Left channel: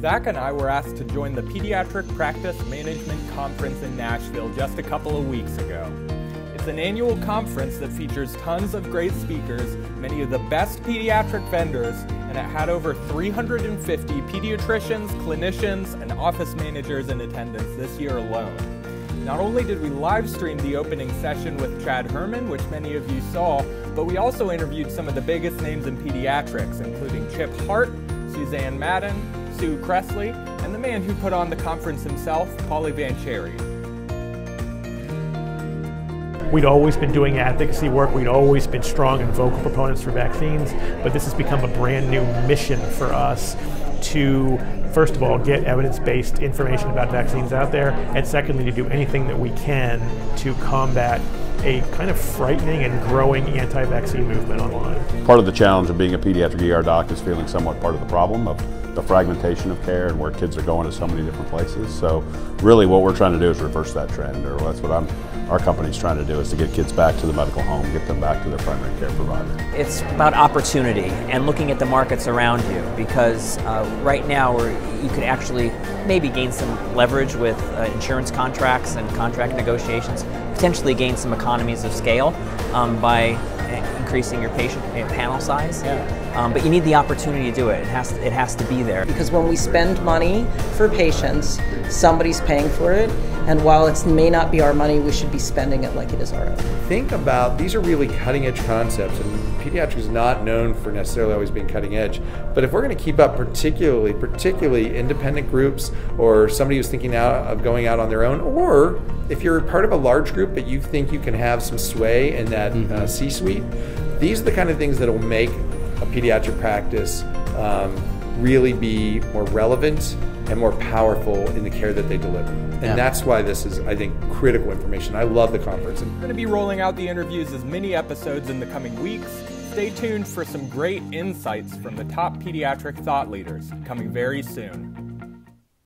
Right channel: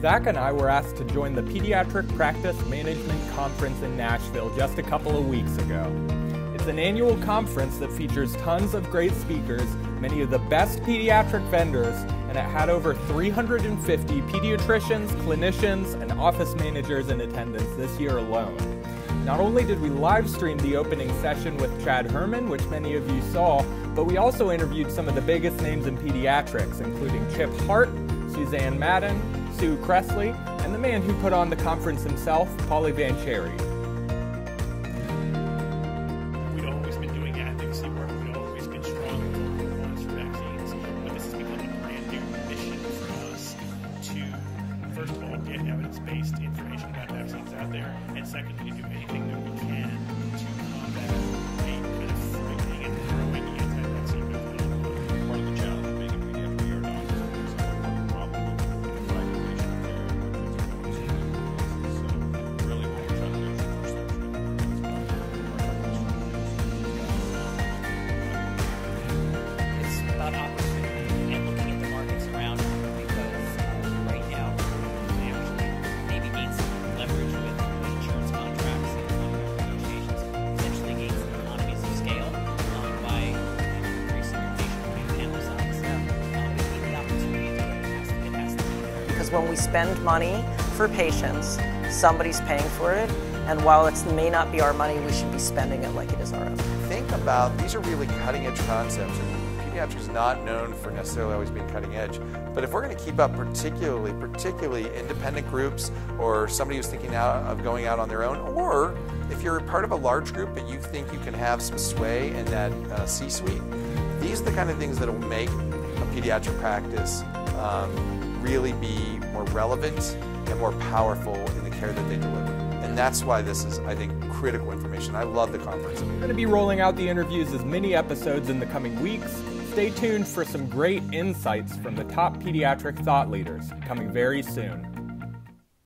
Zach and I were asked to join the Pediatric Practice Management Conference in Nashville just a couple of weeks ago. It's an annual conference that features tons of great speakers, many of the best pediatric vendors, and it had over 350 pediatricians, clinicians, and office managers in attendance this year alone. Not only did we live stream the opening session with Chad Herman, which many of you saw, but we also interviewed some of the biggest names in pediatrics, including Chip Hart, Suzanne Madden, Sue Cressley, and the man who put on the conference himself, Paulie Van Cherry. We'd always been doing advocacy work, we'd always been strong and vocal proponents for vaccines, but this has become a brand new mission for us to, first of all, get evidence-based information about vaccines out there, and secondly, to do anything that we can to combat a kind of frightening and growing anti-vaccine movement online. Part of the challenge of being a pediatric ER doc is feeling somewhat part of the problem of the fragmentation of care and where kids are going to so many different places. So really what we're trying to do is reverse that trend, or that's what our company's trying to do, is to get kids back to the medical home, get them back to their primary care provider. It's about opportunity and looking at the markets around you, because right now you could actually maybe gain some leverage with insurance contracts and contract negotiations, potentially gain some economies of scale by increasing your patient panel size. But you need the opportunity to do it. It has to be there. Because when we spend money for patients, somebody's paying for it, and while it may not be our money, we should be spending it like it is our own. Think about, these are really cutting edge concepts, and pediatrics is not known for necessarily always being cutting edge, but if we're going to keep up particularly independent groups, or somebody who's thinking of going out on their own, or if you're part of a large group but you think you can have some sway in that C-suite, these are the kind of things that will make a pediatric practice really be more relevant and more powerful in the care that they deliver. And that's why this is, I think, critical information. I love the conference. We're going to be rolling out the interviews as mini episodes in the coming weeks. Stay tuned for some great insights from the top pediatric thought leaders coming very soon.